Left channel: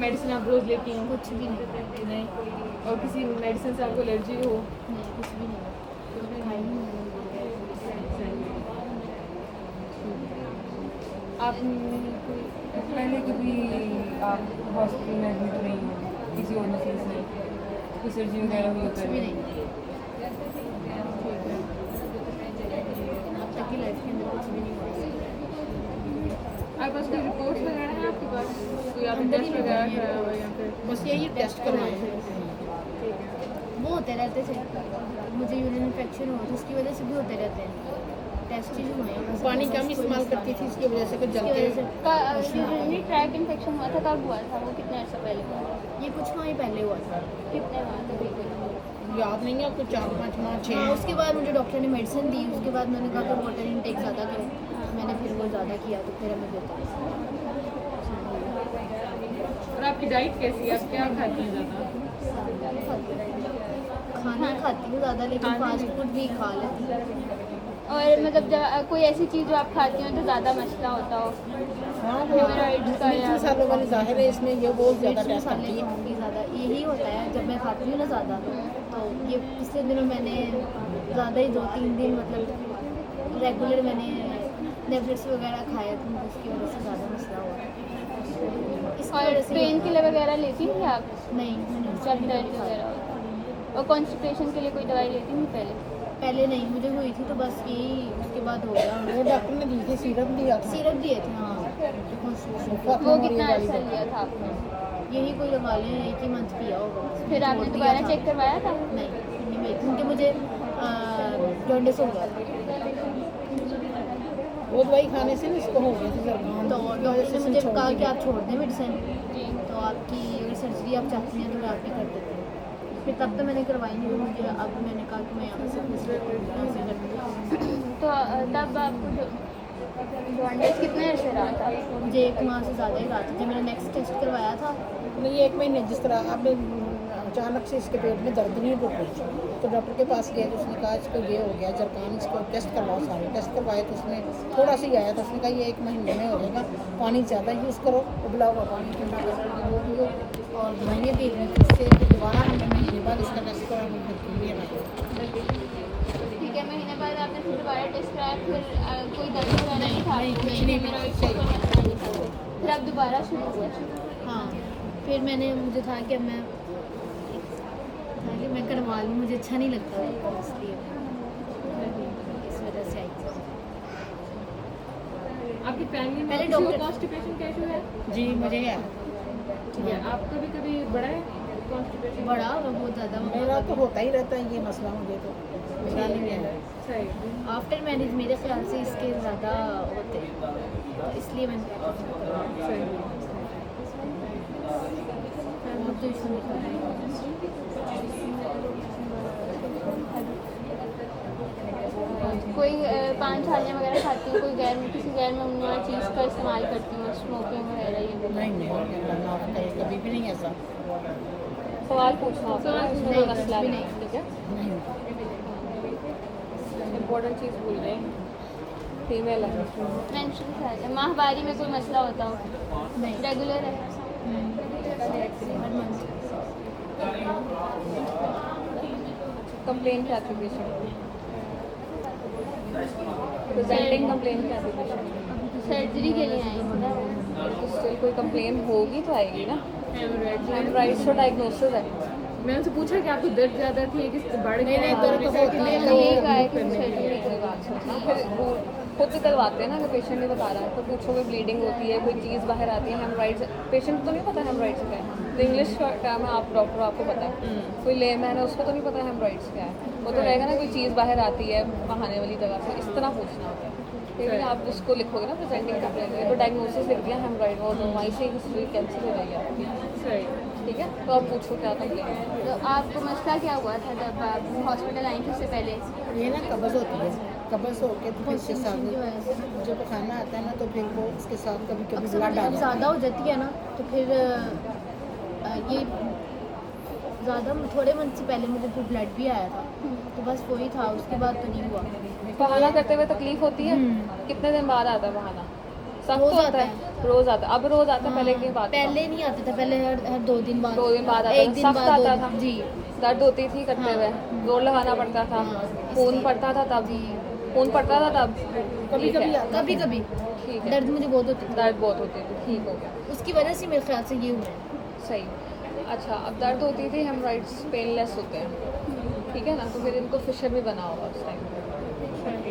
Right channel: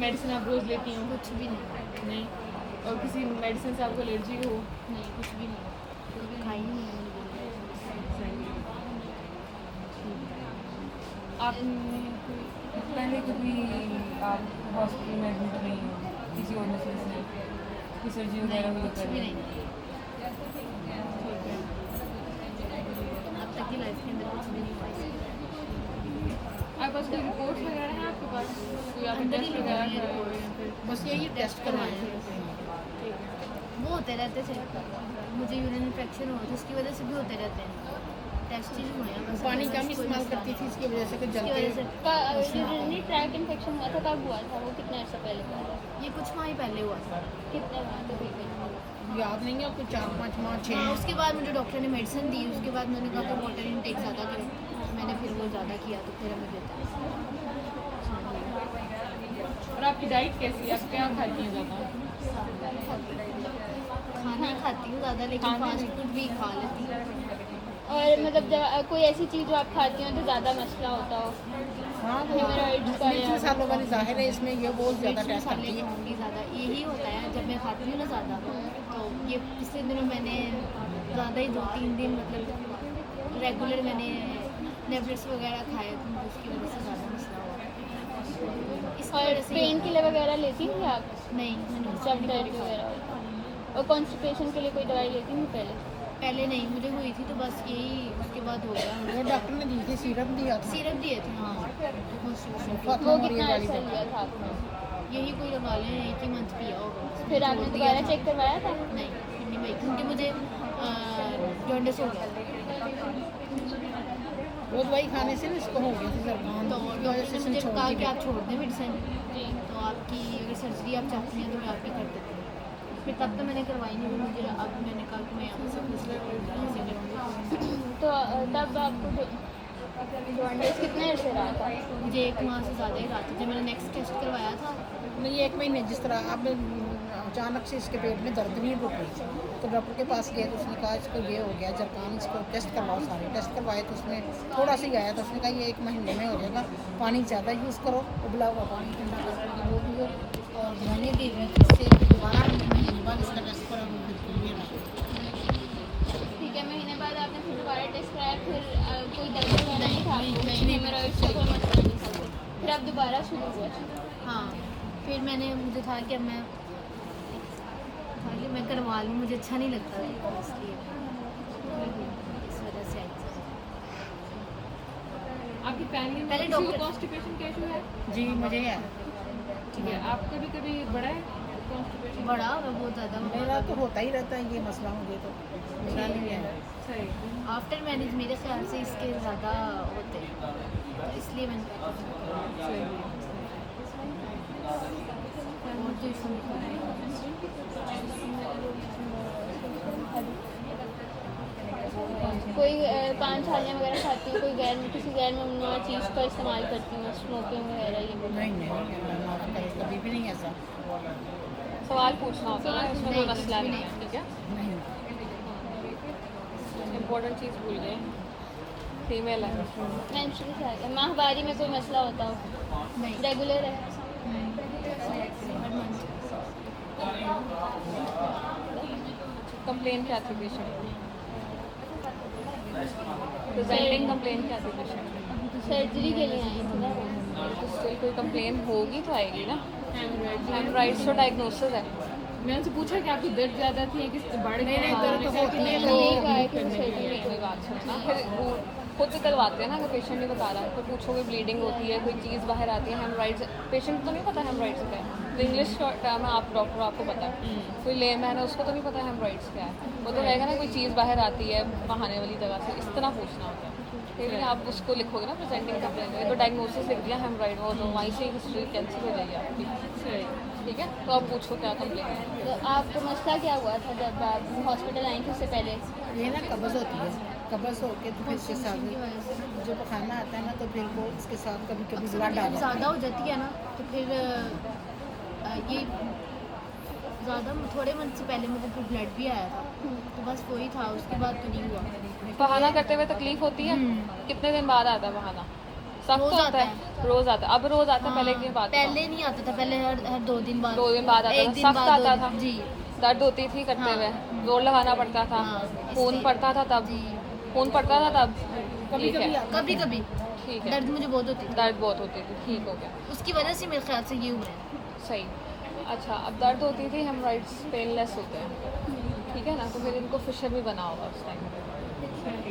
Medicine आप रोज लेती हो? कुछ भी नहीं। और किसी मेडिसिन से आपको एलर्जी हो? नहीं, कुछ भी नहीं खाई नहीं है। आप पहले कभी आप हॉस्पिटल में एडमिट नहीं हो किसी और मशीन से कोई सर्जरी वगैरह हुई? कुछ भी नहीं। अब तक की लाइफ के अंदर कुछ भी नहीं हुआ इससे। आप उसकी रिपोर्ट्स वगैरह हैं आपके पास? कोई आप अंदर ही टेस्ट वगैरह नहीं कराया हो या फिर बस यही टेस्ट करवाए हैं। वो होते रहते थे, मुझे यूरिन इन्फेक्शन हुआ था, उसकी वजह से भी होते रहते हैं। टेस्ट ही हुए हैं बस। पानी कम इस्तेमाल करती थी, इसकी वजह से कुछ इसकी जलते वजह से यूरिनरी ट्रैक्ट इन्फेक्शन हुआ था, कब हुआ था वो? कितने अर्सा पहले हुआ था? ये कुछ माह ही पहले हुआ था। कितने माह तकरीबन? याद नहीं है, कुछ 4-5 माह हाँ, 6। उसके बाद मुझे डॉक्टर ने मेडिसिन दी, उसके बाद मैंने कहा कि वाटर इनटेक ज़्यादा करें, मैंने फिर वो ज़्यादा किया तो फिर हमें होता और आपकी डाइट कैसी है? आप क्या खाती हैं ज़्यादा? खाना खाती हूँ ज़्यादा, लेकिन फास्ट फूड भी खा लेती हूँ। और मतलब जब कोई ऐसी चीज़ जो आप खाती हो तो ज़्यादा मसला होता हो? हाँ, वो मिर्च मसालों वाली जाहिर है इसमें ये बहुत ज़्यादा टेस्ट मसाले करती की है। होंगी ज़्यादा, यही होता है जब मैं खाती हूँ ना ज़्यादा। तो ये पिछले दिनों मैंने ज़्यादा ही 2-3 दिन मतलब रेगुलर मैंने टैबलेट्स वगैरह खाए थे, तो उसकी वजह से ज़्यादा मसला हुआ। इसकी और वजह से पेन किलर वगैरह लेती थी आप? नहीं, मैंने जब दर्द वगैरह होता है? और कॉन्स्टिपेशन के लिए कोई दवाई लेती थी पहले नहीं, मुझे हुई थी तो बस यही, उसके बाद हो गया। वो डॉक्टर ने दी थी, सिरप दिया था। सिरप दिए थे हाँ, constitution वो खत्म हो रही कितना है वाली अर्सा दवा। लिया था आपने? यही कोई लगा लें, 1 ही मंथ पिया होगा। फिर आपने छोड़ दिया दोबारा था। चेक करवाया था? नहीं, फिर नहीं, क्योंकि मुझे जॉन्डिस हो गया था। वो दवाई खाने से ना इसको हो गया था जरबान, तो की वजह डॉक्टर से ने इसने मुझे छोड़ कहा कि दिया। आप छोड़ दें मेडिसिन, जी। तो आपकी सर्जरी आप चाहती हैं तो मैं आपकी कर देती हूँ। फिर तब तो मैंने करवाई नहीं, तो मुझे अब मैंने कहा कि मैं यहाँ से पूछ लेती हूँ कैसे करती हूँ। तो तब आपको जॉन्डिस कितने अर्से रहा था? मुझे 1 माह से ज़्यादा ही रहा था। जब मैंने नेक्स्ट टेस्ट करवाया था नहीं, 1 महीने जिस तरह अब अचानक से इसके पेट में दर्द नहीं रुक रही, तो डॉक्टर के पास गए तो उसने कहा इसको ये हो गया जरबान, इसको टेस्ट करवाओ। सारे टेस्ट करवाए तो उसमें थोड़ा सा ही आया था, उसने कहा ये 1 महीने में हो जाएगा, पानी ज़्यादा यूज़ करो, उबला हुआ पानी ठंडा करो, वो पियो, और दवाइयाँ दे दी। इससे दोबारा महीने बाद इसका टेस्ट करा, वो बिल्कुल नहीं रहा। ठीक है, महीने बाद आपने फिर दोबारा टेस्ट कराया, फिर कोई दर्द वगैरह नहीं था? नहीं, फिर आप दोबारा शुरू हुआ? हाँ, फिर मैंने, मुझे था कि अब मैं करवा लूँ, मुझे अच्छा नहीं लगता है इसलिए इस वजह से आई थी। आपकी फैमिली में पहले किसी को डॉक्टर- कॉन्स्टिपेशन का इशू है? जी मुझे है, ठीक है, आपका भी कभी बड़ा है कॉन्स्टिपेशन? बड़ा होगा बहुत ज़्यादा। मेरा तो होता ही रहता है ये मसला, मुझे तो मेरा नहीं है। सही। आफ्टर मैरिज मेरे ख्याल से इसके ज़्यादा होते हैं, तो इसलिए मैंने मुझे इसमें कोई पान छालियाँ वगैरह खाती हो? कोई किसी गैर ममनुआ चीज़ का इस्तेमाल करती हो? स्मोकिंग वगैरह ये? नहीं, कभी भी नहीं ऐसा। सवाल पूछना होगा ना, उसमें कोई मसला नहीं है, ठीक है? नहीं, इम्पोर्टेंट चीज़ भूल गए, फीमेल है। मेंस्ट्रुअल साइकिल, माहवारी में कोई मसला होता हो? नहीं, रेगुलर है? कंप्लेन क्या थी पेशेंट? प्रेजेंटिंग कंप्लेन क्या थी पेशेंट? सर्जरी के लिए आई थी ना? स्टिल कोई कंप्लेन होगी तो आएगी ना। हेमराइड्स तो डायग्नोसिस है। मैंने उनसे पूछा कि आपकी दर्द ज़्यादा थी कि बढ़ गया? नहीं, दर्द तो होती है, ठीक है कि करने के सर्जरी लिए बात सुनना। फिर वो खुद करवाते हैं ना, अगर पेशेंट नहीं बता रहा है तो पूछोगे ब्लीडिंग होती है, कोई चीज़ बाहर आती है, हेमराइड्स। पेशेंट को नहीं पता हेमराइड्स क्या है, तो इंग्लिश टर्म है, आप डॉक्टर आपको पता है। कोई लेमैन है उसको तो नहीं पता हेमराइड्स क्या है, वो तो कहेगा ना कोई चीज़ बाहर आती है बहाने वाली जगह से, इस तरह पूछना होता है। फिर आप उसको लिखोगे ना प्रेजेंटिंग कंप्लेन में, तो डायग्नोसिस लिख दिया हेमराइड, वो तो वहीं से हिस्ट्री कैंसिल हो जाएगी आपकी। सही। ठीक है, तो आप पूछो क्या कंप्लेन है। तो आपको मसला क्या हुआ था जब आप हॉस्पिटल आई थी उससे पहले? ये ना कब्ज़ होती है, कब्ज़ होके तो फिर इसके की वजह से साथ जो खाना आता है ना, तो फिर वो उसके साथ कभी कभी अक्सर ब्लड आ जब जाता ज़्यादा है। हो जाती है ना, तो फिर ये ज़्यादा थोड़े मंथ से पहले मुझे फिर ब्लड भी आया था, तो बस वही था, उसके बाद तो नहीं हुआ। बहाना करते हुए तकलीफ होती है? कितने दिन बाद आता है बहाना? सख्त रोज होता आता है, रोज आता है। अब रोज आता है, पहले एक दिन बाद पहले नहीं आता था, पहले हर 2 दिन बाद, 2 दिन बाद आता एक था, दिन सख्त बाद, 2 आता दिन, था, जी दर्द होती थी करते हुए, जोर लगाना पड़ता था, हाँ, खून इसलिए। पड़ता था तब, जी खून पड़ता था तब, ठीक है, कभी कभी ठीक है, दर्द मुझे बहुत होती थी, दर्द बहुत होती थी, ठीक हो गया, उसकी वजह से मेरे ख्याल से ये हुआ है। सही। अच्छा, अब दर्द होती थी, हेमराइड्स पेनलेस होते हैं, ठीक है ना, तो फिर इनको फिशर भी बना होगा उस टाइम पे।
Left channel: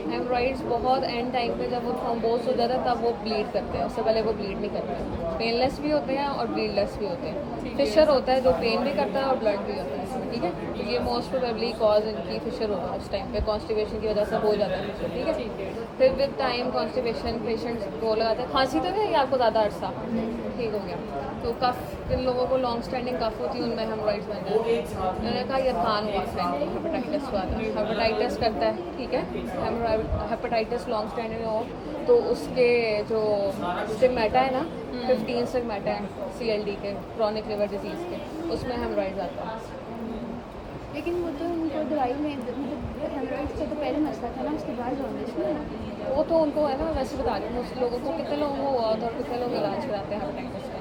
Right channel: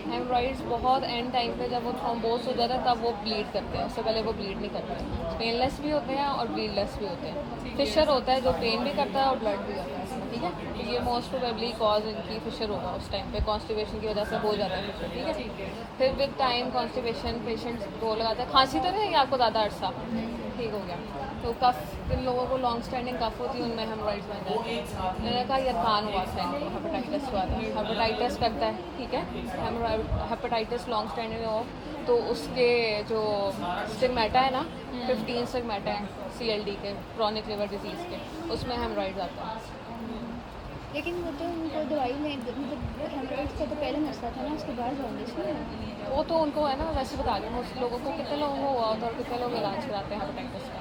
हेमराइड्स बहुत एंड टाइम पे जब वो थ्रोम्बोस हो जाता है तब वो ब्लीड करते हैं, उससे पहले वो ब्लीड नहीं करते। पेनलेस भी होते हैं और ब्लीडलेस भी होते हैं। फिशर होता है जो पेन भी करता है और ब्लड भी करता है, ठीक है। तो ये मोस्ट प्रोबेबली कॉज इनकी फिशर होगा उस टाइम पे, कॉन्स्टिपेशन की वजह से हो जाता है फिशर, ठीक है। फिर विद टाइम कॉन्स्टिपेशन पेशेंट वो लगाता है। खांसी तो नहीं है आपको ज़्यादा अरसा, ठीक हो गया। तो कफ जिन लोगों को लॉन्ग स्टैंडिंग कफ होती है उनमें हेमराइड्स बन जाते हैं। मैंने कहा इरफान हुआ था, हेपेटाइटिस हुआ था, हेपेटाइटिस करता है, ठीक है। हेपेटाइटिस लॉन्ग स्टैंडिंग में हो तो उसके जो स्टिग्मेटा है ना, 15 स्टिग्मेटा है CLD के, क्रॉनिक लिवर डिजीज़ के, उसमें हेमराइड्स आता है। लेकिन वो तो उनको दवाई में मतलब हेमराइड्स का तो पहले मसला था ना, उसके बाद जॉन्डिस में। वो तो उनको है ना, वैसे बता रही हूँ, उस लोगों को कितने लोगों को हुआ होता है और कितने लोग इलाज कराते हैं हेपेटाइटिस का,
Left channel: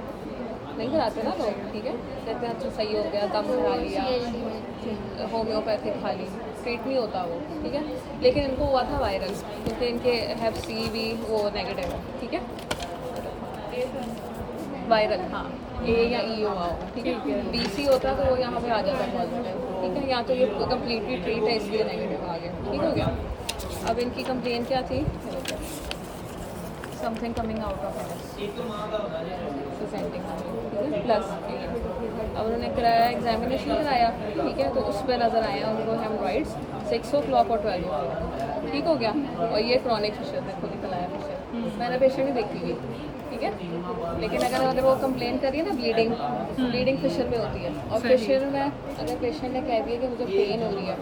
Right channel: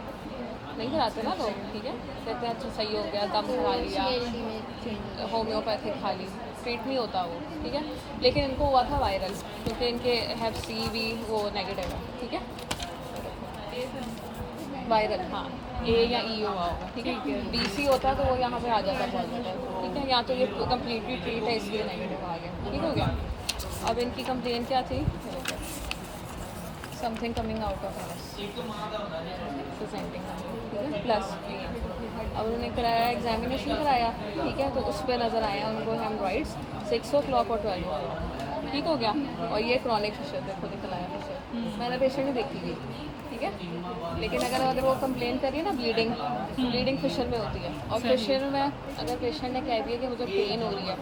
नहीं कराते ना लोग, ठीक है। कहते हैं अच्छा सही हो गया, दम खा लिया, CLD में होम्योपैथिक खा ली, ट्रीट नहीं होता वो, ठीक है। लेकिन इनको हुआ था वायरल, क्योंकि इनके हैव C भी वो नेगेटिव है, ठीक है। वायरल, हाँ, A या E हुआ होगा, ठीक है। BC होता तो वो यहाँ पर आ जाता है, ठीक है। यहाँ तो ये कम्प्लीटली ट्रीट है इसलिए नेगेटिव आ गया, ठीक हो गया। अब इनकी कंप्लेन क्या थी, something coming out of plus. अब उन्होंने कराया, एग्जामिनेशन कराया, ठीक है, तो उस पर नज़र आया उनको हेमराइड्स 6 o'clock और 12 o'clock, ठीक हो गया। और ये क्रॉनिक फिशर देखो निकल आया फिशर, मैंने पेशेंट ही देखी थी, ठीक है। लेकिन अगर वो कंप्लेन करिए ना ब्लीडिंग फिशर में होती है, और फिशर में अगर पेशेंट ने कह दिया कि मुझे पेन हो रही है।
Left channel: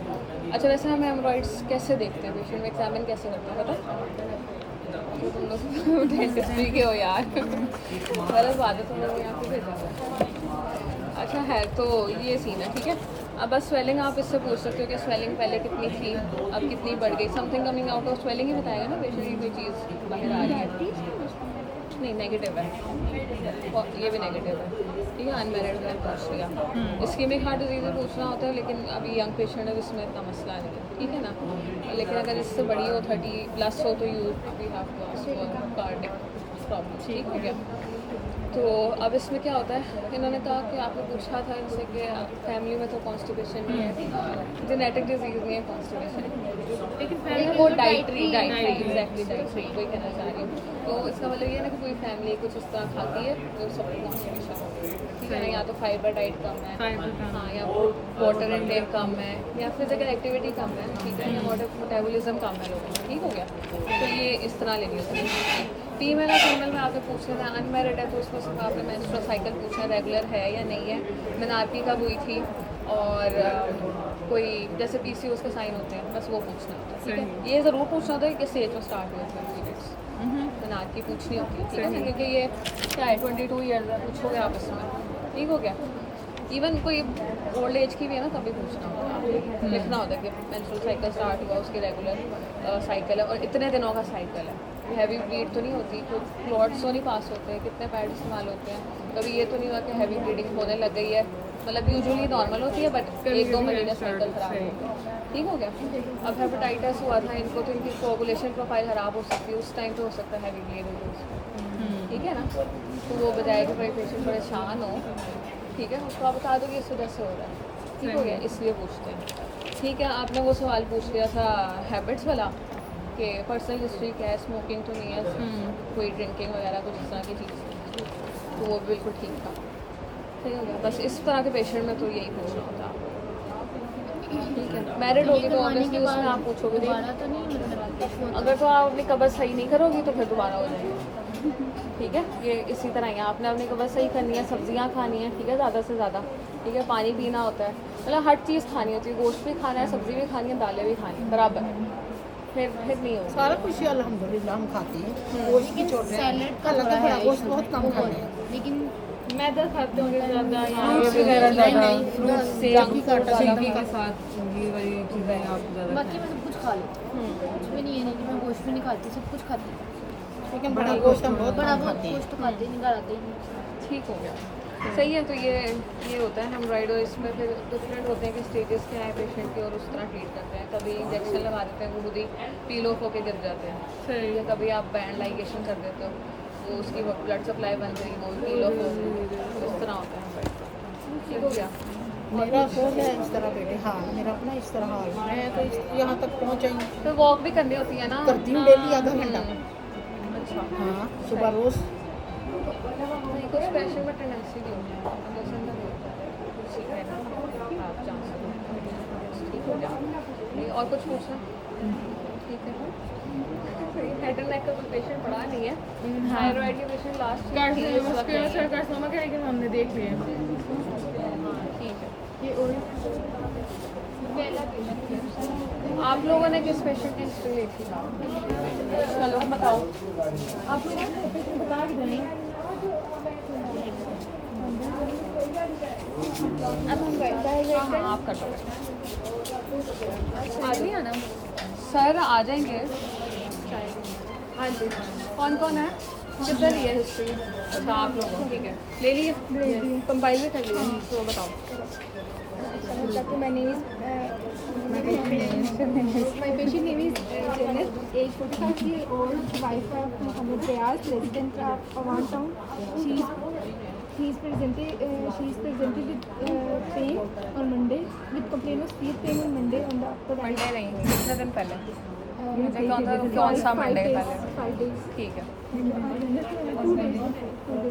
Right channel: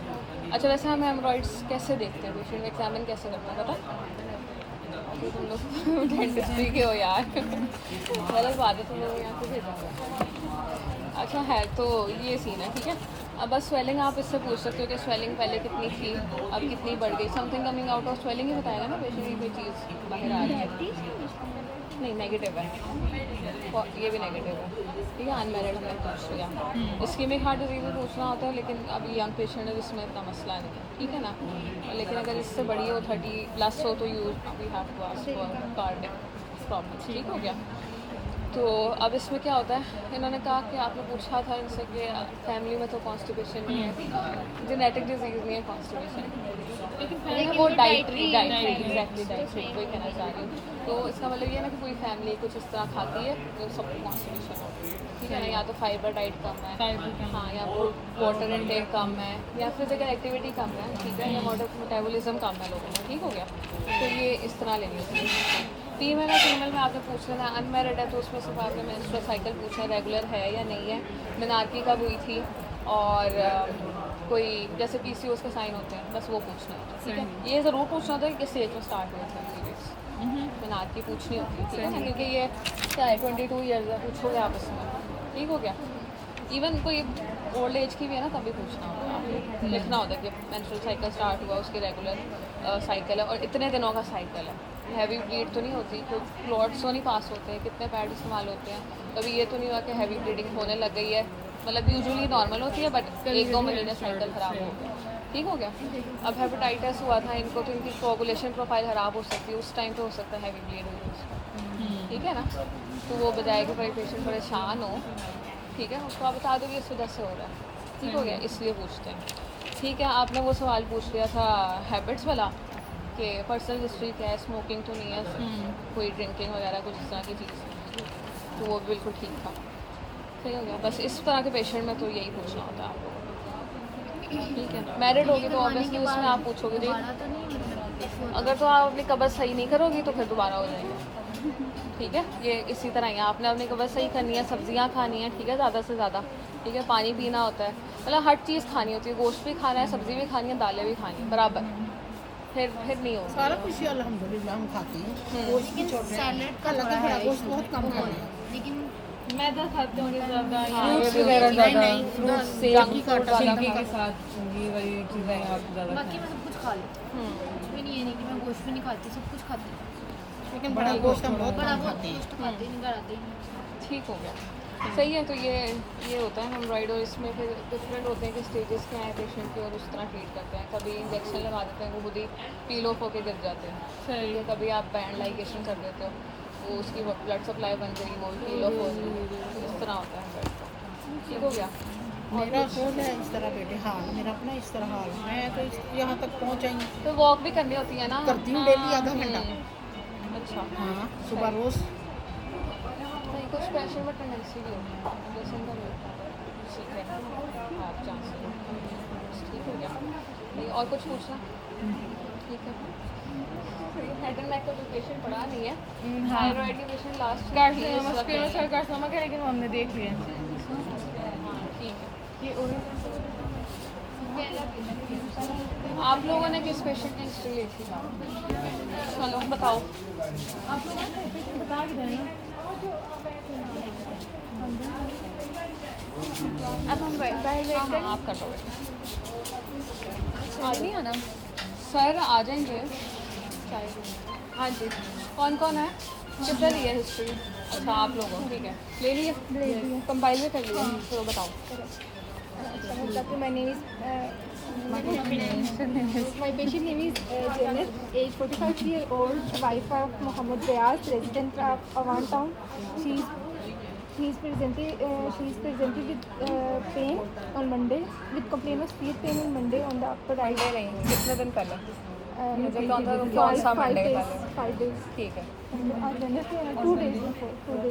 अच्छा, वैसे हम हेमराइड्स कैसे देखते हैं, पेशेंट में एग्जामिन कैसे करते हैं पता? तो तुम लोग डेंटिस्ट्री के हो यार, गलत बात है, तुम लोग यहाँ पे भेजा। अच्छा है, तो ये सीन है, ठीक है। अब बस स्वेलिंग आप इससे पूछ सकते हो कि स्वेलिंग पहले कितनी थी, अब कितनी बढ़ गई। Something coming out of swelling ही बताएगा ना पेशेंट की कोई चीज़ बाहर आ रही है। नहीं, नेगेटिव है, ये भी नेगेटिव है, ठीक है। अनमेरिड में पूछ लिया, इस्कीमिक हार्ट डिजीज़ में पूछना होता है, लेकिन अभी यंग पेशेंट है जिसमें इतना मसला नहीं है, ठीक है ना। लेकिन अगर इससे बड़ी हो 30+ हो तो we have to ask cardiac problem, ठीक हो गया। तो अब इसमें क्या होता है, इन्होंने कहा कि आपने पूछा था इनसे कि फैमिली में तो कॉन्स्टिपेशन नहीं है, जेनेटिक डिजीज़ नहीं है कॉन्स्टिपेशन, लेकिन वो डाइटरी एग्जैक्टली डाइटरी कोई कहना चाह रही हूँ। तो इसका मतलब ये है ना कि पूरी फैमिली कुछ इस तरह खाती है तो सबको कॉन्स्टिपेशन है, ठीक है ना। या तो फाइबर डाइट कम है, हाँ, या वाटर इनटेक कम है, या फिजिकल एक्टिविटी कम है, ठीक है, या मेटाबॉलिज्म कम है लोगों में, ठीक हो गया। तो ये इस तरह लेनी होती है। फीमेल में आपने पूछ लेना, अनमेरिड है तो उसमें सिर्फ आपने मेंस्ट्रुअल साइकिल पूछना है रेगुलर है या नहीं है, मेनार्की कब हुई थी, और कोई जैसे PCOS के साइन होते हैं, बस वो पूछना होता है, ठीक है। ये ज़रूर पूछना होता है कि किस एज में स्टार्ट हुए थे पीरियड्स, मेनार्की पूछनी होती है, ठीक है ना, क्योंकि ये क्या है 22 ईयर्स है, पूछोगे आप इसमें, ठीक हो गया। इवन कोई ओल्ड एज की भी है ना, तभी पूछना होता है, लिखना होता है कि मेंस्ट्रुअल साइकिल स्टार्ट हुआ, उसकी रेगुलर साइकिल है और इतने दिनों का साइकिल है, हैवी ब्लीड तो नहीं होती, कोई क्लॉट्स तो नहीं पास होते हैं, कितने पैड इस्तेमाल होते हैं, कभी ये तो नहीं हुआ कि हैवी ब्लीडिंग होने लग गई है, मतलब यूजुअली नॉर्मल होती है बट 1-2 महीने साइकिल ख़राब हो गया, ठीक हो गया। अब हेपेटाइटिस हुआ था इनको, तो इनकी कोगुलेशन प्रोफाइल ख़राब हो सकती है, उस टाइम पे हो सकता है हैवी ब्लीड हो उसको, ठीक है ना। तो वो बजाय कि भाई पेशेंट परेशान हो, ठीक है, उसको आप बता दो कि इस वजह से हो रहा है, ठीक हो गया, इसलिए पूछते हैं, ठीक है। आपने वो सवाल पूछ लिया था हैबिट्स वाला कि पर्सनल हिस्ट्री क्या है, स्मोकिंग तो नहीं है, कोई ड्रिंकिंग वगैरह कुछ इस तरह की चीज़, तो वो बिल्कुल ठीक था, सही हो गया। बस इस तरह के पेशेंट में तो यही पूछना होता है आपको, ठीक है। मैरिड होगी तो ऑब्वियसली उसमें आप पूछोगे दोबारा तो नहीं होता। अगर तो आप अपनी कब्र सही नहीं करोगी तो फिर दोबारा हो जाएगी, ठीक है। ये इसी तरह ही है, आपने अपनी कब्र सही करनी है, सब्जियां खानी है, ठीक है, ज़्यादा से ज़्यादा, ठीक है, पानी पीना होता है, मतलब हर चीज़ खानी होती है, गोश्त भी खाना है, सब्ज़ी भी खानी है, दालें भी खानी है बराबर, फिर नहीं होगा। सारा कुछ ही अल्हम्दुलिल्लाह हम खाते हैं, गोश्त भी छोड़ रहे हैं, सैलेड का कल थोड़ा बड़ा है गोश्त issue, बहुत कम खाते हैं। लेकिन मैदा खाते होंगे ज़्यादा, फ्रूट्स वगैरह नहीं, फ्रूट्स बाकी का आटा सब्जी ज़्यादा के साथ ये वाली चीज़ें आप ज़्यादा बाकी मैं सब कुछ खा लूँ, कोई नहीं है नहीं कि मैं गोश्त भी नहीं खाती, सब कुछ खाती हूँ। लेकिन बड़ा गोश्त हम बहुत बड़ा कम बहुत खाते हैं। गोश्त खाते ही नहीं, घर आते ही नहीं। ठीक हो गया, सही है। तो ये होता है हेमराइड, और इसमें फिर डिफरेंट होते हैं कि स्टेजेस के हैं पेशेंट के, और उस तरह ट्रीट करते हैं। कभी इंजेक्शन लगा देते हैं, वो खुद ही पील ऑफ होकर गिर जाते हैं, सही है। कभी आप बैंड लाइगेशन कर देते हो, तो उसकी ब्लड सप्लाई बन गई, वो पील ऑफ हो गई, तो इस तरह होता है। ठीक हो गया। मेरा हो गया इस तरह बेटे, हाँ मेरा अपना इस तरह हाल है। मैं तो यहाँ तक पहुँचाई तो वॉक भी करनी होती है ना? करती हूँ डेली आधा घंटा। अच्छा, हाँ सुबह रोज़। नहीं कुछ पेशेंट में टेंडेंसी भी होती है, जैसे अंदर होता है, ठीक है ना, आप जान सकते। ठीक हो गया। नहीं और कुछ पूछना? ठीक है। हेड एंड नेक का कोई पेशेंट पड़ा नहीं है, थायराइड के पेशेंट लास्ट कार्सिनोमा का लेकिन हमने देख लिया। ठीक है। आप लोगों ने किस पेशेंट की हिस्ट्री ली थी? चलो बताओ। आप लोग बता के दें। अब हम बाहर वेट करें। आप कर दो। आज नहीं आना। सर आ जाएंगे। हाँ जी, कौन कौन है? कितना ली है हिस्ट्री? अच्छा आप लोग, ठीक है। ले लिए? कंपाइल भी कर लिया? तो बताओ। My name is my patient name is Janet, age 45-year-old, wife of Mohammed Riaz, resident of Awan town. She is presented with pain on Monday, with complaint of sleep pain on Monday on the upper right. कितने दिन पहले? Kौन सा Monday 5 days. ठीक है। And 2 days before,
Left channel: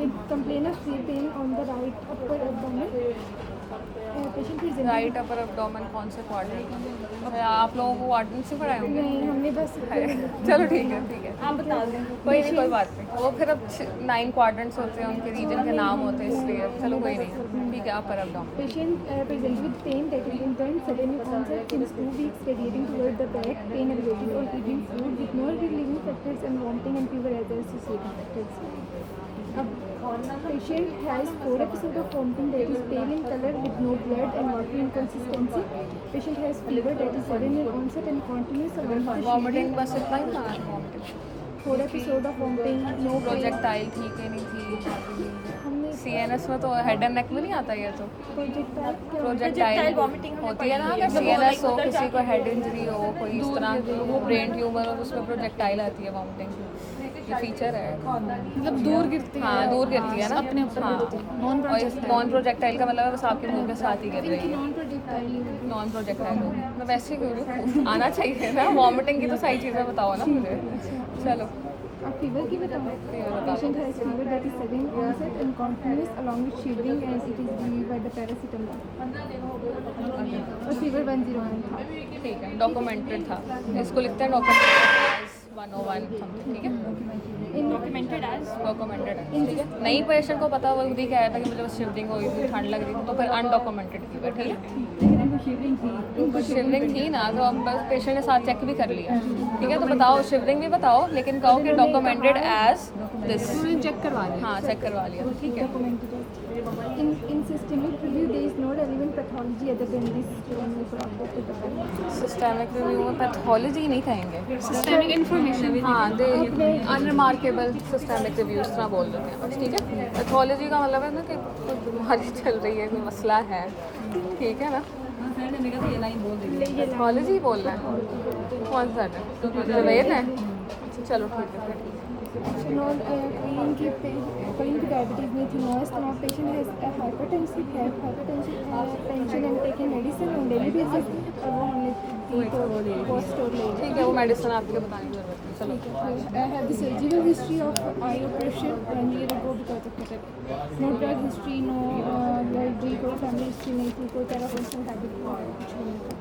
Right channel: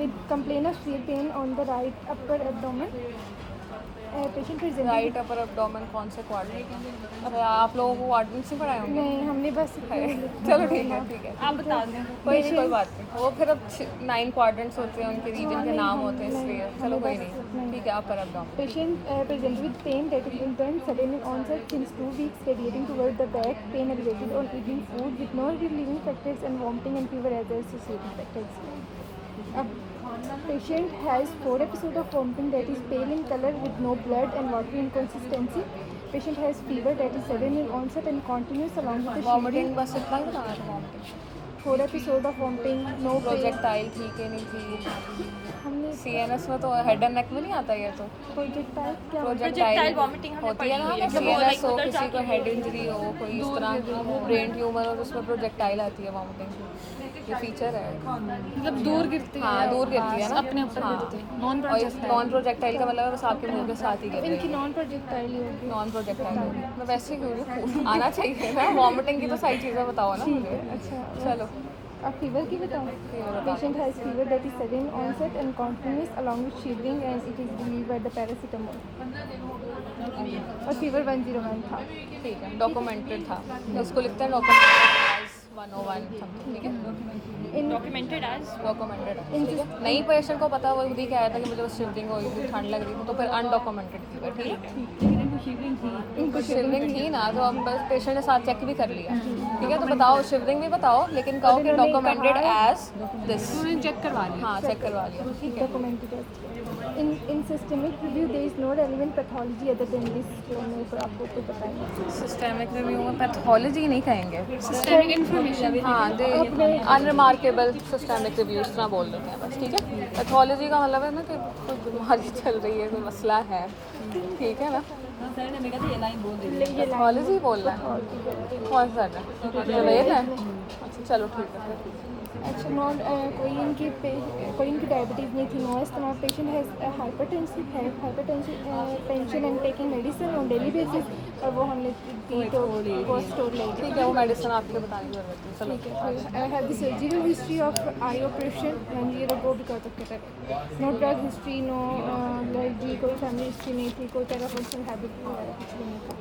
with complaint of sleep pain on the right upper abdomen. Patient presented. Right upper abdomen कौन से quadrant? अच्छा आप लोगों को वार्डन से पढ़ाए होंगे? नहीं, हमने बस चलो ठीक है, ठीक है। आप बता दें। कोई नहीं, कोई बात नहीं। वो फिर अब 9 क्वाड्रेंट्स होते हैं, उनके रीजन के नाम होते हैं, इसलिए चलो कोई नहीं। ठीक है, upper abdomen. Patient presented with pain that is intense, sudden in onset since 2 weeks, radiating toward the back, pain elevated on eating food with no relieving factors and vomiting and fever as associated factors. Patient has 4 episodes of vomiting that is pale in color with no blood and watery inconsistency. Patient has fever that is sudden in onset and continuous along with the vomiting बस इतना ही था? 4 episodes of vomiting, no pain. Projectile थी कि नहीं थी? हमने CNS में तो हेड एंड नेक में नहीं आता ये तो। प्रोजेक्टाइल क्या प्रोजेक्टाइल वॉमिटिंग होती है ना, जब CNS हो, किसी को हेड इंजरी हो, कोई इस तरह ब्रेन ट्यूमर हो, उसमें प्रोजेक्टाइल आती है वॉमिटिंग की, ये फीचर है। मतलब दूर गिरती है। हाँ दूर गिरती है ना, अपने ऊपर गिरती है। नॉन प्रोजेक्टाइल का मतलब है बस आपके मुंह के साथ ही गिर रही इनकी है। नॉन प्रोजेक्टाइल होगी. नॉन प्रोजेक्टाइल मैं वैसे ही बोलूँ, आना चाहिए ना। वॉमिटिंग की तो सही चीज़ें बताओ ना मुझे। अच्छा, चलो अब फीवर की बताओ. Patient has fever that is sudden onset and continuous along with shivering as it is relieved by the paracetamol. और फीवर 101 था. ठीक है, डॉक्यूमेंटेड था, इसको लिखते हैं डॉक्यूमेंटेड 101, ठीक है। डॉक्यूमेंटेड एज डॉक्यूमेंटेड नहीं, पेशेंट को पता, वो खुद ही कह रहा था कि मुझे शिवरिंग हुई थी, ठंड लग रही थी, तो फिर अनडॉक्यूमेंटेड थी। इनको शिवरिंग थी ना, तो हम बस पेशेंट के साथ चेक भी कर लिया, ठीक है। तो बताओ, शिवरिंग भी बताओ, लेकिन कहो कि डॉक्यूमेंटेड एज दिस। चेक करवा लिया। हाँ चेक करवा लिया। Documented. In systemic review there is no relevant pathology other than this. तो आपको कुछ पता है. सिस्टेमिक रिव्यू में पैथोलॉजी नहीं कहेंगे, सिस्टमिक इन्फॉर्मेशन। हाँ दे अनरिमार्केबल सिस्टेमिक रिव्यू इस तरह बोल देते हैं, ठीक है। पैथोलॉजी का मतलब है ना कि कोई बीमारी चल रही है, कोई मसला है, ठीक है ना। पैथोलॉजी बोलना है, कौन सा है? वेद है। अच्छा चलो ठीक है फिर। कोई इनकी डायबिटीज़ नहीं थी. No asthma. Patient has hypertensive tension and taking medicine on daily basis. और वो हमने दी तो वो स्टोर ले ठीक है, वो मेडिसिन आपके लिए बताने की जरूरत है। चलो I have the surgical history of eye operation 1 year ago because of the no drug history, no allergy, कोई family history नहीं थी, कोई पैरापर्सनल हैबिट कुछ नहीं था.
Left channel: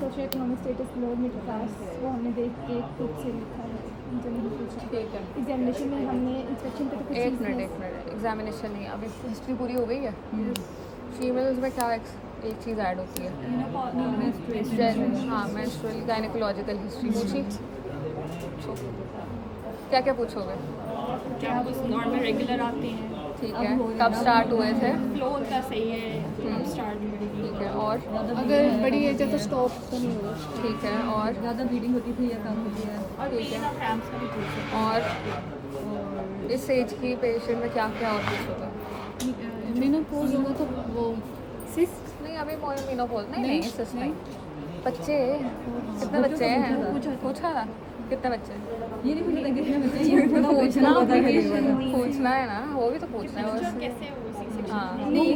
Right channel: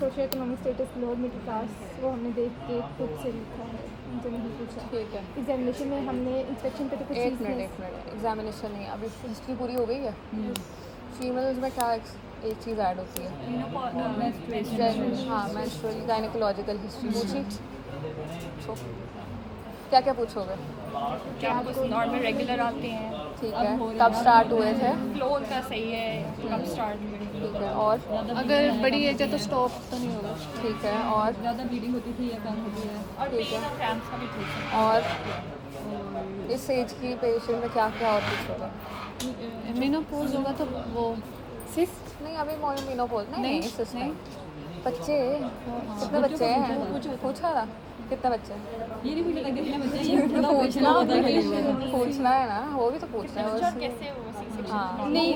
Social economic status lower middle class, वो हमने देख के खुद से लिखा है, उनसे नहीं पूछा. ठीक है, एग्जामिनेशन में हमने इंस्पेक्शन पे तो कुछ एक चीज़ नहीं. मिनट एग्जामिनेशन नहीं, अब हिस्ट्री पूरी हो गई है। फीमेल्स में क्या एक चीज़ ऐड होती है? हाँ मेंस्ट्रुअल गायनेकोलॉजिकल हिस्ट्री पूछी। क्या क्या पूछोगे? क्या कुछ नॉर्मल रेगुलर आते हैं? ठीक है, कब स्टार्ट हुए थे? फ्लो उनका सही है, कब स्टार्ट हुए। ठीक है, और अगर बड़ी एज है तो स्टॉप तो नहीं होगा। ठीक है, और ज़्यादा ब्लीडिंग होती थी या कम होती है और पेन और क्रैम्प्स का भी पूछ सकते और इस एज की पेशेंट में क्या क्या और कुछ होता है? हैं। मेनोपॉज होगा तो वो सिस्ट नहीं, अभी मेनोपॉज नहीं, नहीं, सिस्ट नहीं। नहीं। बच्चे कितने बच्चे हैं? पूछा कितने बच्चे हैं? ये नहीं पूछना कितने बच्चे पूछना है ना, वो भी तो पूछना है बस। कैसे वो हाँ, नहीं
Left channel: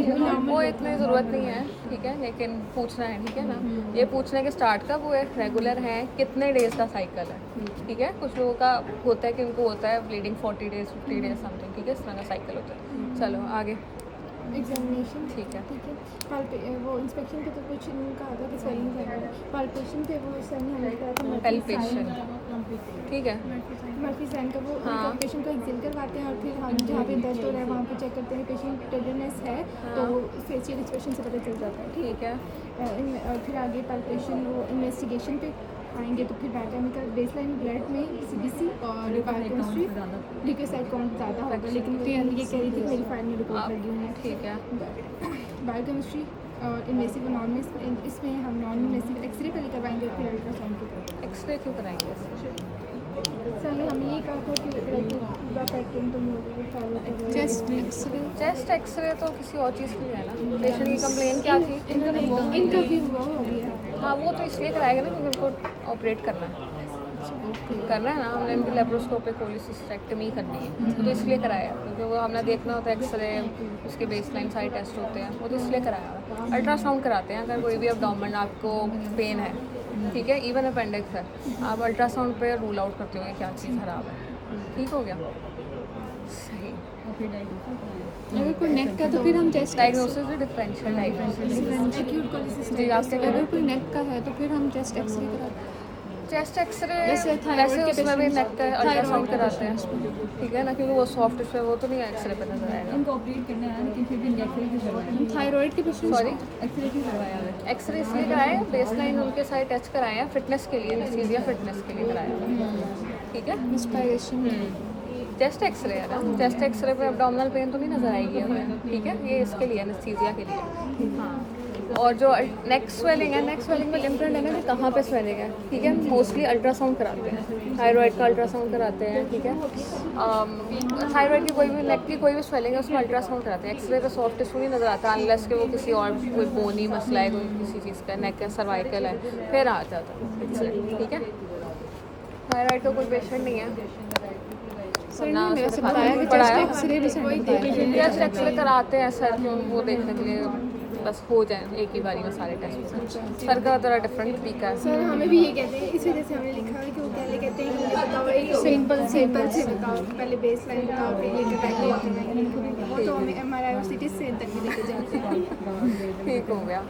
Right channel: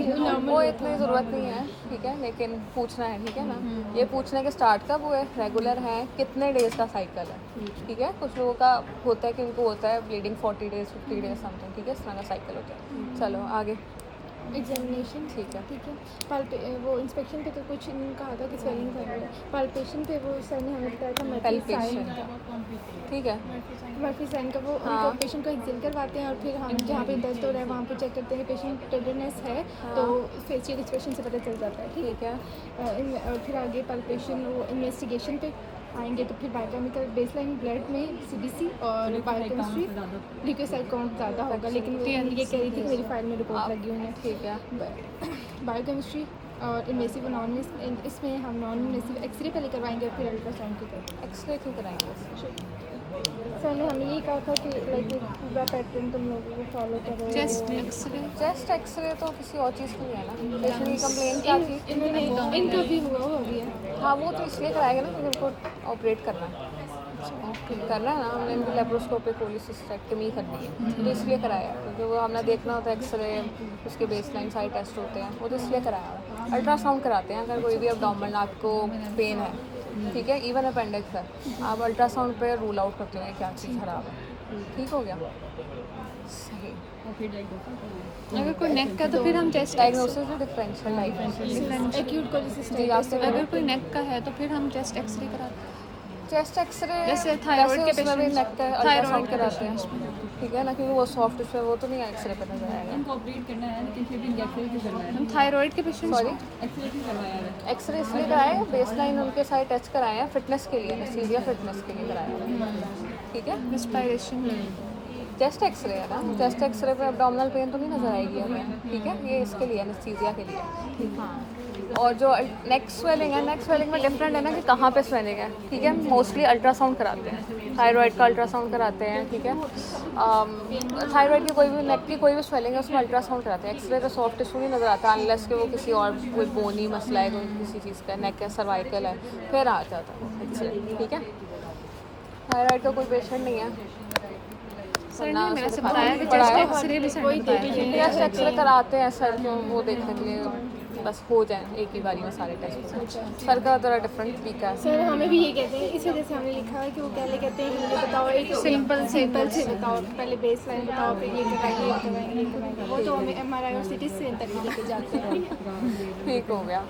वो इतनी ज़रूरत नहीं है, ठीक है, लेकिन पूछना है, ठीक है ना। ये पूछने के स्टार्ट कब हुए, रेगुलर हैं, कितने डेज का साइकिल है, ठीक है। कुछ लोगों का होता है कि उनको होता है ब्लीडिंग 40 डेज 50 डेज समथिंग, ठीक है, इस तरह का साइकिल होता है। चलो आगे। एग्जामिनेशन ठीक है। ठीक है। वो इंस्पेक्शन पे तो कुछ नहीं कहा था कि स्वेलिंग कर रहा है। पाल्पेशन पे वो सर ने हमें बताया था मर्फी Palpation। साइन ठीक है, मर्फी साइन का वो हाँ। उनका पेशेंट को एक्सरे करवाते हैं और फिर हम जहाँ पे दर्द हो रहा है वहाँ पे चेक करते हैं पेशेंट टेंडरनेस है तो फेशियल एक्सप्रेशन से पता चल जाता है, ठीक ठीक है, है। और फिर आगे पाल्पेशन वो इन्वेस्टिगेशन पे आएंगे तो फिर बायोकेमिकल बेसलाइन ब्लड में सीबीसी और बायोकेमिस्ट्री ल्यूकोसाइट काउंट ज़्यादा होगा, लेकिन वो ये कह रही थी कि मेरी फाइल में रिपोर्ट लगी हुई है। ठीक है, बायोकेमिस्ट्री और इन्वेसिव और नॉन इसमें हम नॉन इन्वेसिव एक्सरे पहले करवाएंगे और फिर अल्ट्रासाउंड के। एक्सरे क्यों कराएंगे इससे? सर ने हमें यही कहा था कि लाइक पूरा पैटर्न तुम लोगों को फॉलो करो। चेस्ट एक्सरे चेस्ट एक्सरे तो किसी और चीज़ की है ना। पेशेंट की कंप्लेन क्या थी? इन्होंने इनका भी हुआ हो गया। हाँ, वो तो इसलिए कराएगा ना कि उनको ऑपरेट करना है, करना है ना, हमने इनको लेप्रोस्कोपिक कोलिसिस्टेक्टमी करनी है, तो इसलिए कराया, क्योंकि वो हमने देखना होता है एक्सरे, उसके बेसलाइन सारे टेस्ट होते हैं, वो तो इसलिए कराया। अल्ट्रासाउंड कराते हैं अगर कोई भी अब्डोमेन आपको पेन है, ठीक है, इवन अपेंडिक्स है, आप अल्ट्रासाउंड पे रूल आउट करते हुए क्या चीज़ खराब है, ठीक हो गया, सही। अगर कोई नेक का तो फिर हम चेस्ट डायग्नोसिस है डिफरेंशियल डायग्नोसिस। एक्यूट कोलिसिस्टिक जी, आपके अगर कोई नेक का है तो फिर हम चेस्ट एक्सरे कराते हैं। चेस्ट एक्सरे जैसे थायराइड के उसमें भी पेशेंट्स नेक का थायराइड अल्ट्रासाउंड के कराते हैं, ठीक है ना, क्योंकि वो सॉफ्ट टिश्यू है, वो तो नहीं एक्सरे पे नजर आएगा। इनको ऑपरेट करना है किसी भी इंजेक्शन की जरूरत हम थायराइड के पेशेंट्स सॉरी, एक्सरे की जरूरत है। एक्सरे इसलिए कराए, बेसलाइन उनके सारे टेस्ट कराए हैं फिटनेस के लिए, सीरिया फिटनेस के लिए कराए हैं, ठीक है। इंस्पायरेशन चेस्ट एक्सरे है ना, चेस्ट एक्सरे पे अब्डोमिनल पेन तो नहीं नजर आएगी हमें, ठीक है, ये इसके लिए एनेस्थीसिया के लिए। हाँ, और जो नेक स्वेलिंग है, नेक स्वेलिंग में डिफरेंट है ना कि कहाँ पे स्वेलिंग है, ठीक है। मोस्टली अल्ट्रासाउंड कराते हैं, थायराइड का अल्ट्रासाउंड कराते हैं, ठीक है। थायराइड की कोई भी, नेक की कोई भी स्वेलिंग है उसमें अल्ट्रासाउंड कराते हैं। एक्सरे तो सॉफ्ट टिश्यू नहीं नजर आता अनलेस कि वो किसी और कोई बोनी मसला है, कोई किसी चीज़ का, नेक है, सर्वाइकल है, फिर आ जाता है एक्सरे, ठीक है। थायराइड का कोई पेशेंट नहीं है सर ने मेरे से बताया कि चेस्ट एक्सरे भी सर ने बताया था। चेस्ट एक्सरे कराते हैं सर, जो वो देखने के लिए बस हो जाए एक ही बारी में सारे टेस्ट। सर का थोड़ा डिफरेंट तरीका है। सर हमें भी ये कहते हैं, इस वजह से हमने लिखा है कि वो पहले कहते हैं कि मुझे बताओ एक सिंपल सिंपल से बताओ, पहले बेस लाइन बताओ, फिर ये कराएंगे ये कराएंगे ये कराएंगे। वो तो हमें MRI और CT स्कैन तक भी लेके जाते हैं। ठीक हो गया।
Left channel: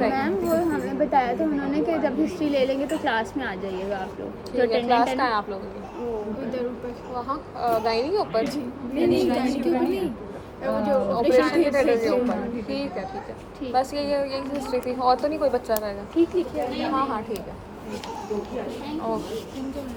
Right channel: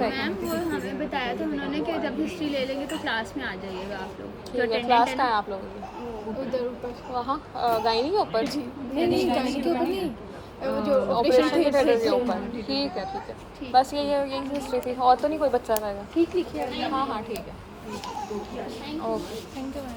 मैम वो हमें बताया था उन्होंने कि जब हिस्ट्री ले लेंगे तो क्लास में आ जाइएगा आप लोग, जो ठीक है, क्लास अटेंडेंट का है है आप लोगों की? उधर ऊपर वहाँ गायनी के ऊपर, नहीं गाने के ऊपर नहीं, वो जो ऑपरेशन के थिएटर के ऊपर, ठीक है, ठीक है। बस यही हिस्ट्री थी, और तो नहीं कोई बच्चा रहेगा? ठीक लिखिए। हाँ हाँ, ठीक है, ओके। Thank you ma'am.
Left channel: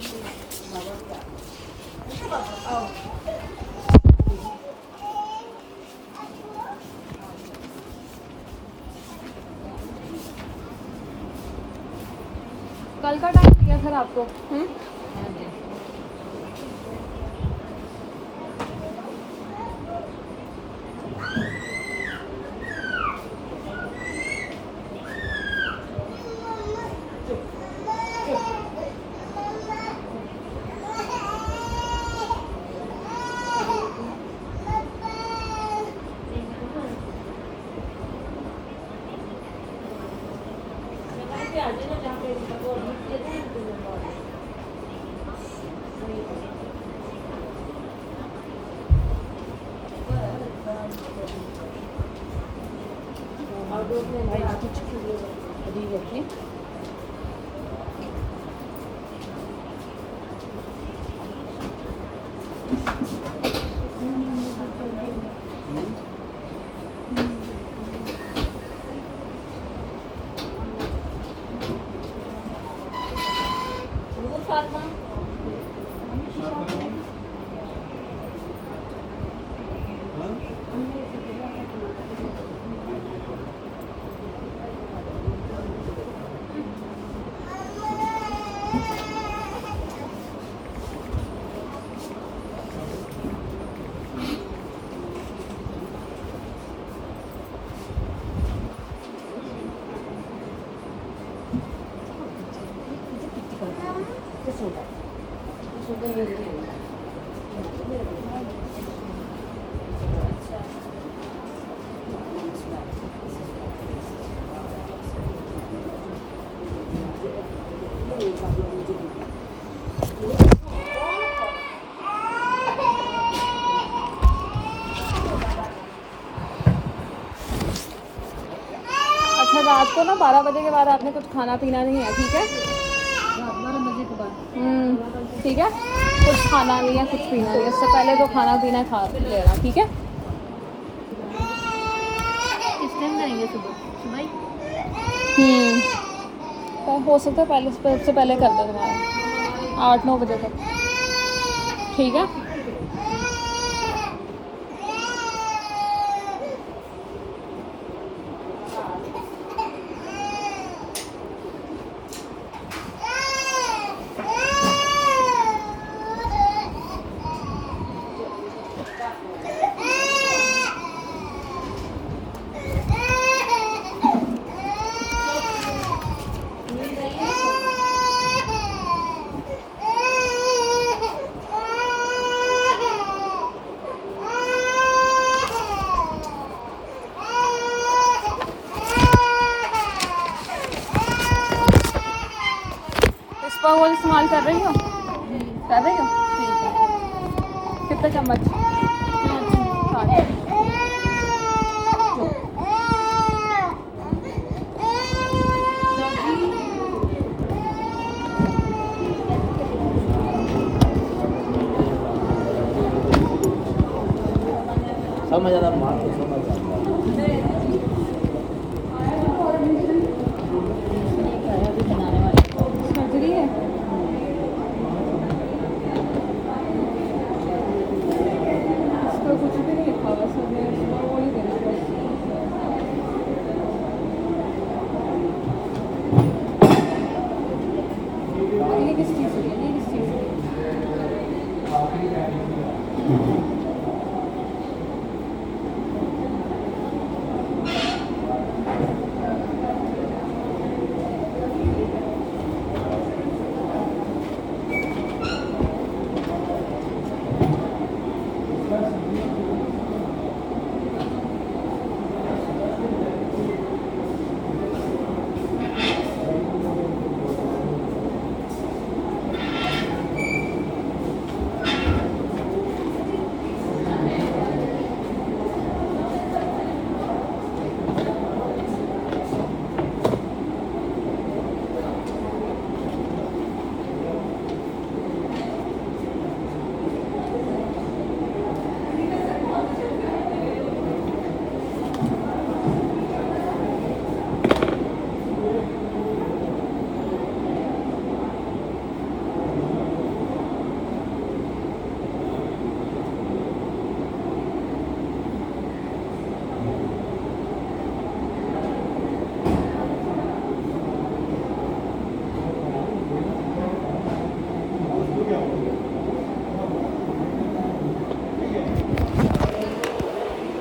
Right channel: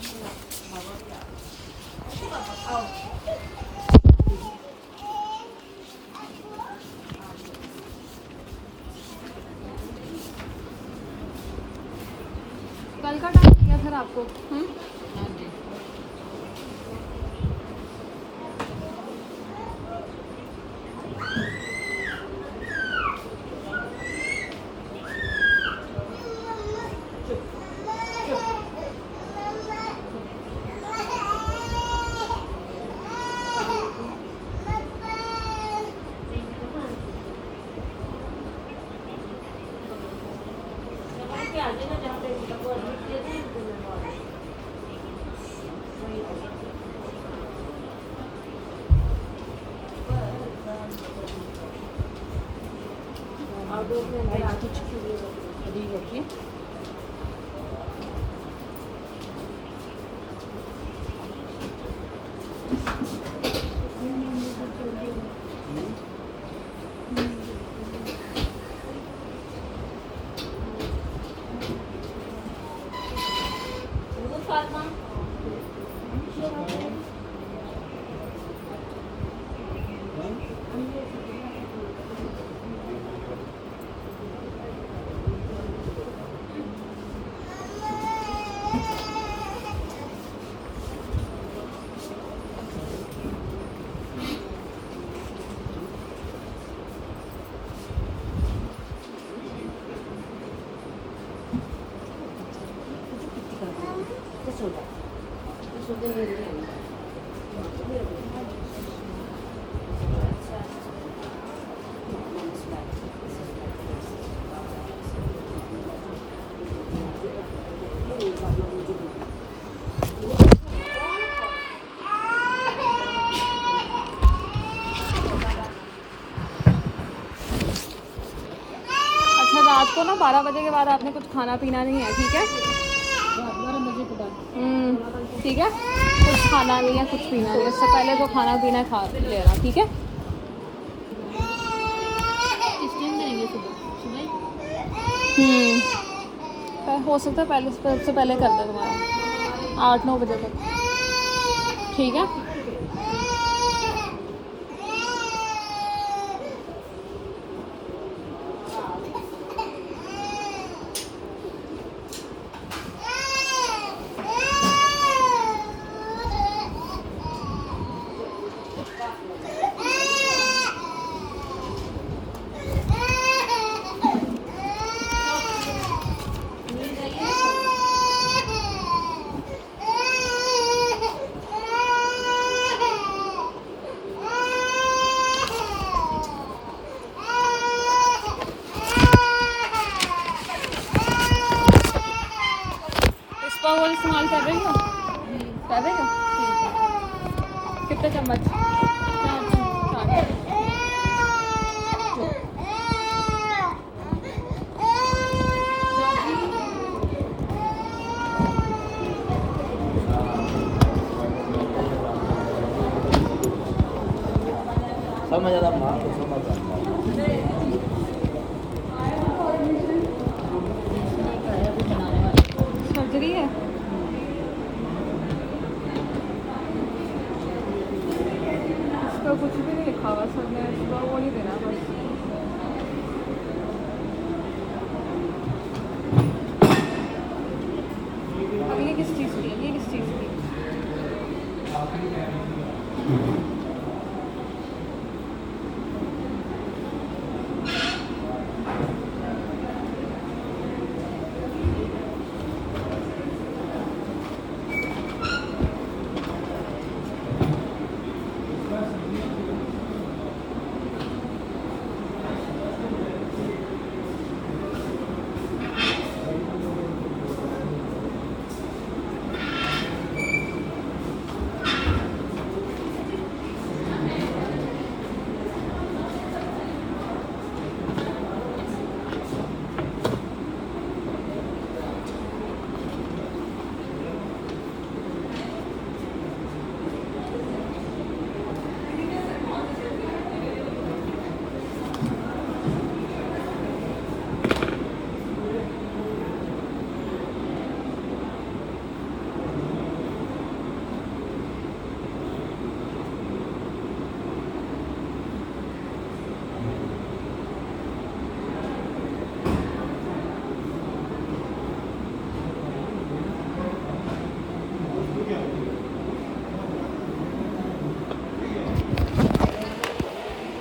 कल का टाइम दिया सर आपको? अच्छा, रात को ना 12 बजे के बाद आपने कुछ खाना पीना नहीं है, ठीक है? 12 बजे के बाद ठीक है, कुछ खाना नहीं है, कुछ पीना नहीं है, उससे पहले तो खाना पीना खा लेना, ठीक है? किस टाइम जाएंगे सुबह हो सकता है पहले सबसे पहले कर दे तुम्हारा 8-9 बजे तक, ठीक है? इसका वो इस्तेमाल कर रही हो? कर रही हो? ठीक है। कितने चम्मच? 4। समझ आ रहा बात तो समझ आ रहा सर्जरी है?